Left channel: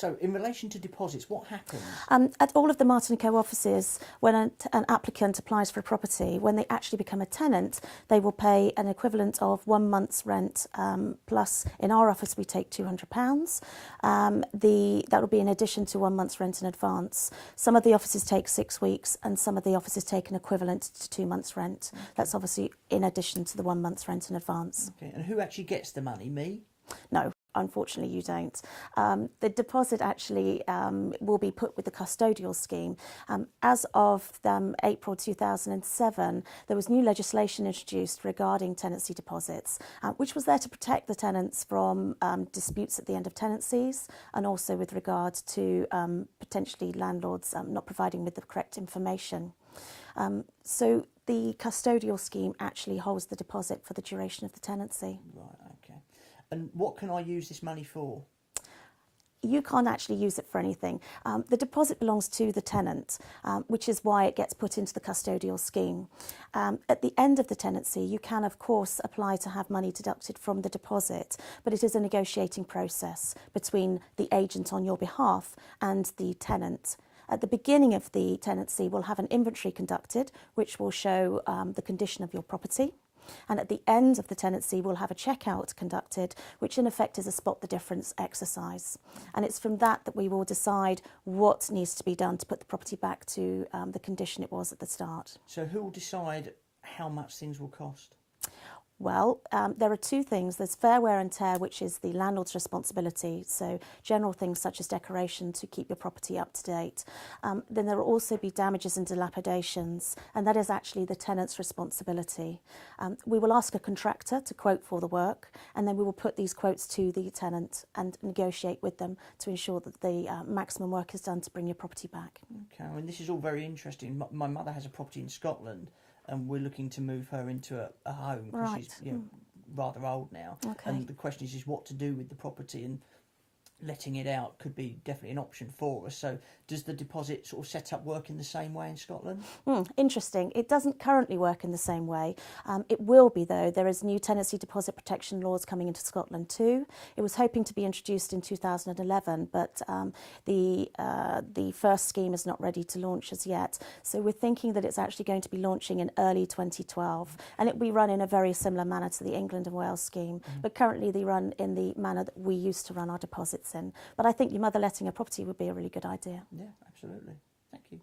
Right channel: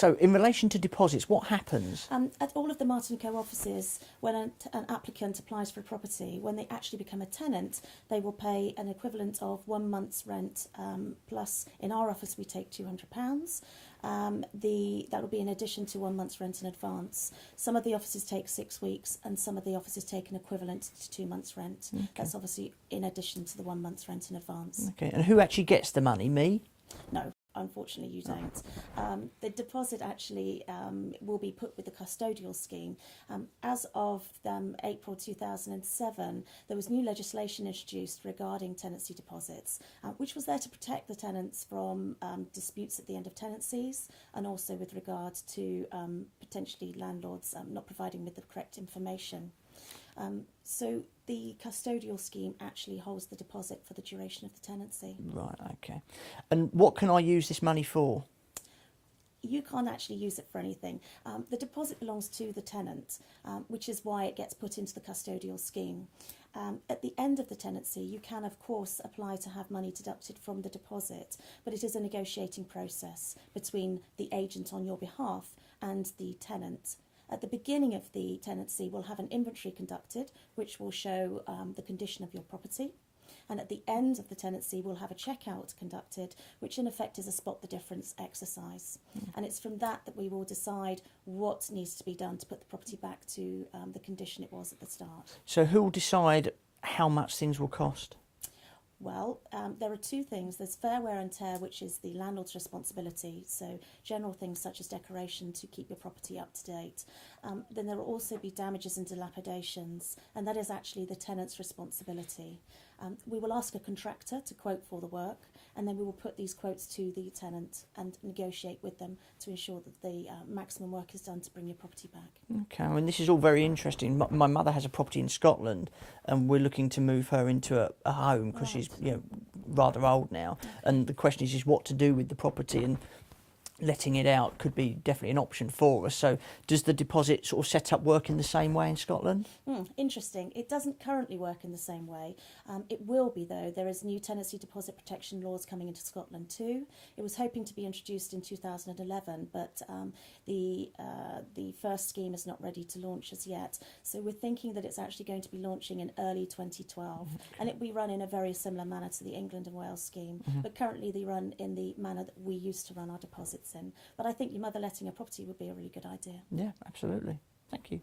So in relation to deposits, what happens? At all of the Martin&Co offices, when an applicant applies for a property, when they actually become a tenant, they will pay an equivalent of 1 month's rent, plus in our office we take £200. That will be in addition to 1 month's rent in advance. Some of the offices take 6 weeks and some of the offices take an equivalent to 2 months' rent. Okay. That's obviously in addition to the 1 month's rent in advance. Okay, and who actually gets the money? Me? No, unfortunately you don't. The deposit actually will be put with the custodial scheme. As of April 2007, there was new legislation introduced regarding tenancy deposits, which was there to protect the tenants from disputes at the end of tenancies, and also with regard to potentially landlords not providing with the correct information. So the custodial scheme actually holds the deposit for the duration of the tenancy. Right, okay. And what can I use this money for? You can't actually use it for anything. The deposit belongs to the tenant, which is why it gets put into the custodial scheme. At the end of the tenancy, you can, of course, apply to have money deducted from the deposit, but it is a negotiating process between the agent on your behalf and the tenant. At the beginning of the tenancy, we'll have an inventory conducted, which will show the condition of your property. And at the end of the tenancy, we'll have a checkout conducted, which in effect is a spot the difference exercise. And it's from that we will decide what needs to be done to put the property back to the condition it was at the start. So who will decide how much things will cost? Well, there are two things. There's fair wear and tear, which is the landlord's responsibility, so general things such as decoration to keep your property up to date. Then there will also be damages and dilapidations, and that is actually the tenant's responsibility. We will ask a contractor to quote for the work, and then we will put these quotes to the tenant and negotiate with them to ensure that the maximum work is done to bring your property back. Okay, I mean, this is all very interesting. My mother has a property in Scotland, and we're looking to move her into a home because she's rather old now. Okay. And the question is what to do with the property, and letting it out could be definitely an option for us. So does the deposit sort of set up work in the same way in Scotland? Interesting. It doesn't currently work in the same way. It will be, though. There is new tenancy deposit protection laws coming into Scotland too. It was hoping to be introduced in 2011, but the first scheme is not ready to launch as yet. So we're thinking that it's actually going to be launching in early 2012. Okay. And it will be run in a very similar manner to the England and Wales scheme. But currently they run in the manner that we used to run our deposits in. But I think your mother letting a property would be a really good idea. Yeah, absolutely. Thank you.